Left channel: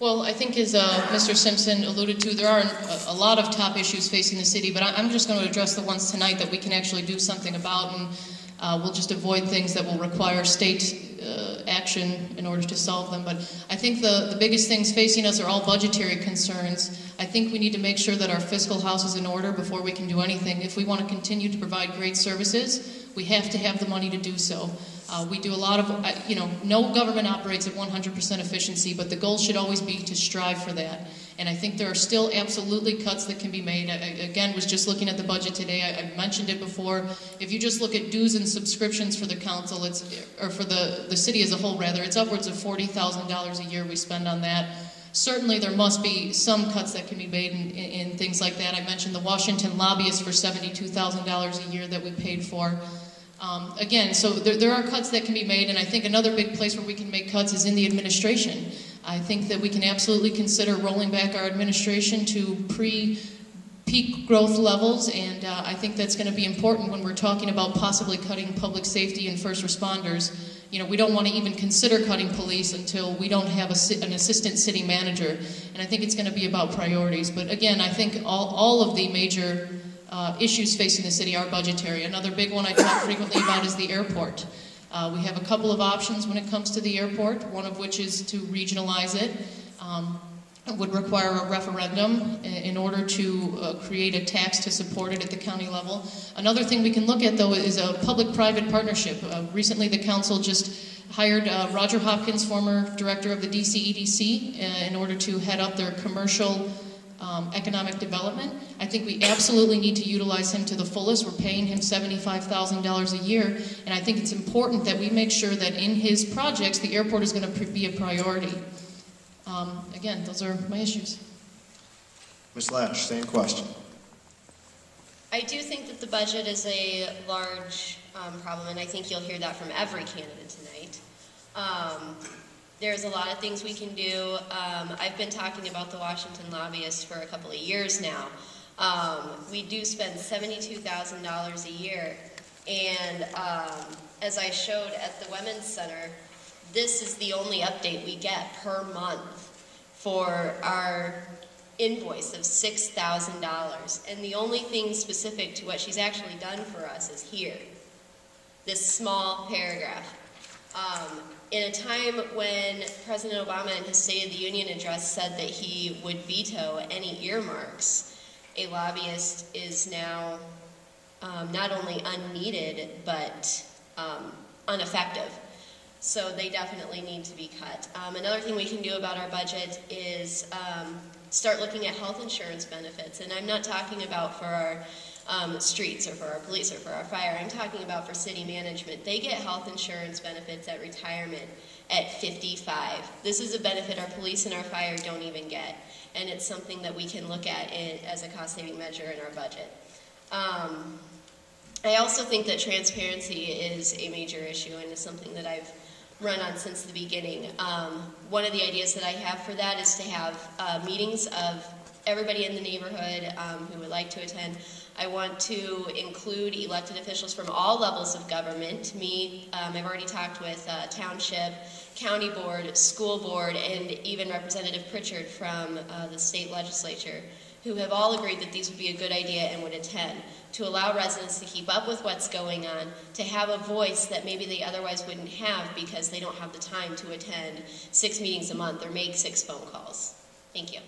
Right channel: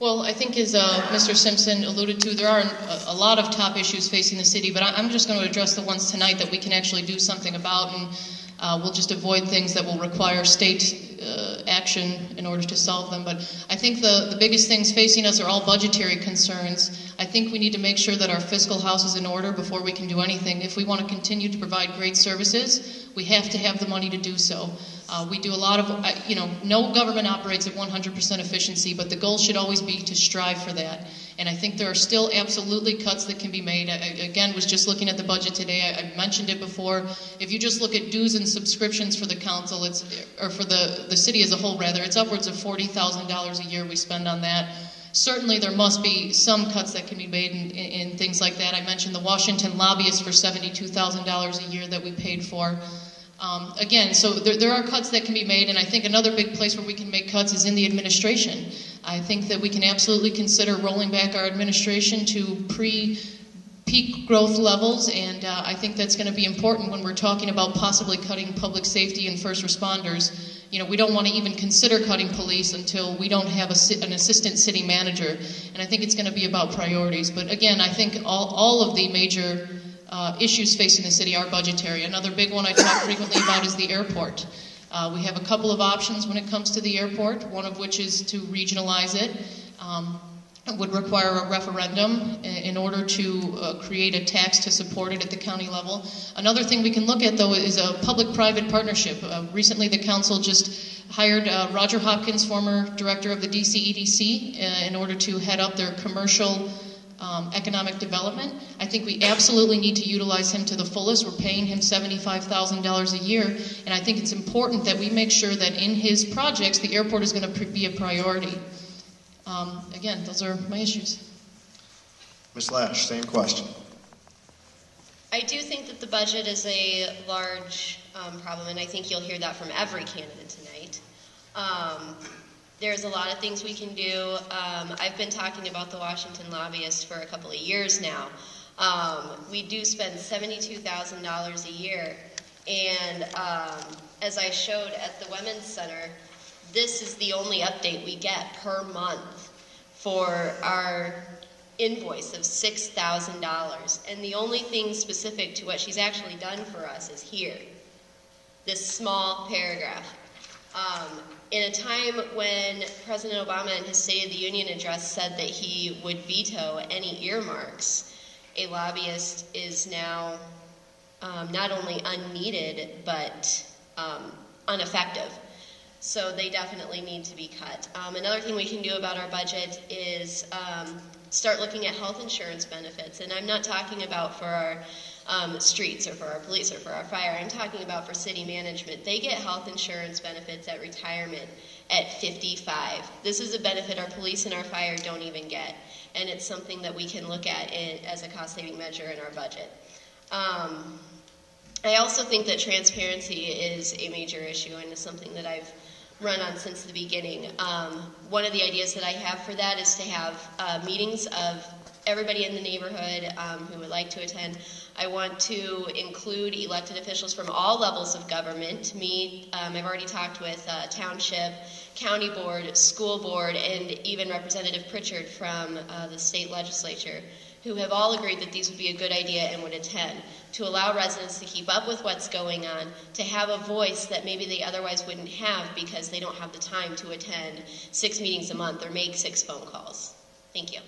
Well, I think as Mr. Simpson alluded to, there are a lot of top issues facing the city, but I'm just going to address the ones tonight that we can actually do something about, and we'll just avoid things that will require state action in order to solve them. But I think the biggest things facing us are all budgetary concerns. I think we need to make sure that our fiscal house is in order before we can do anything. If we want to continue to provide great services, we have to have the money to do so. We do a lot of, no government operates at 100% efficiency, but the goal should always be to strive for that. And I think there are still absolutely cuts that can be made. I, again, was just looking at the budget today. I mentioned it before. If you just look at dues and subscriptions for the council, or for the city as a whole, rather, it's upwards of $40,000 a year we spend on that. Certainly there must be some cuts that can be made in things like that. I mentioned the Washington lobbyists for $72,000 a year that we paid for. Again, so there are cuts that can be made, and I think another big place where we can make cuts is in the administration. I think that we can absolutely consider rolling back our administration to pre-peak growth levels, and I think that's going to be important when we're talking about possibly cutting public safety and first responders. We don't want to even consider cutting police until we don't have an assistant city manager, and I think it's going to be about priorities. But again, I think all of the major issues facing the city are budgetary. Another big one I talk frequently about is the airport. We have a couple of options when it comes to the airport, one of which is to regionalize it. It would require a referendum in order to create a tax to support it at the county level. Another thing we can look at, though, is a public-private partnership. Recently, the council just hired Roger Hopkins, former director of the DCEDC, in order to head up their commercial economic development. I think we absolutely need to utilize him to the fullest. We're paying him $75,000 a year, and I think it's important that we make sure that in his projects, the airport is going to be a priority. Again, those are my issues. Ms. Lash, same question. I do think that the budget is a large problem, and I think you'll hear that from every candidate tonight. There's a lot of things we can do. I've been talking about the Washington lobbyists for a couple of years now. We do spend $72,000 a year, and as I showed at the Women's Center, this is the only update we get per month for our invoice of $6,000. And the only thing specific to what she's actually done for us is here, this small paragraph. In a time when President Obama in his State of the Union address said that he would veto any earmarks, a lobbyist is now not only unneeded, but ineffective. So they definitely need to be cut. Another thing we can do about our budget is start looking at health insurance benefits. And I'm not talking about for our streets or for our police or for our fire. I'm talking about for city management. They get health insurance benefits at retirement at 55. This is a benefit our police and our fire don't even get. And it's something that we can look at as a cost-saving measure in our budget. I also think that transparency is a major issue and is something that I've run on since the beginning. One of the ideas that I have for that is to have meetings of everybody in the neighborhood who would like to attend. I want to include elected officials from all levels of government. I've already talked with township, county board, school board, and even Representative Pritchard from the state legislature, who have all agreed that these would be a good idea and would attend, to allow residents to keep up with what's going on, to have a voice that maybe they otherwise wouldn't have because they don't have the time to attend 6 meetings a month or make 6 phone calls. Thank you.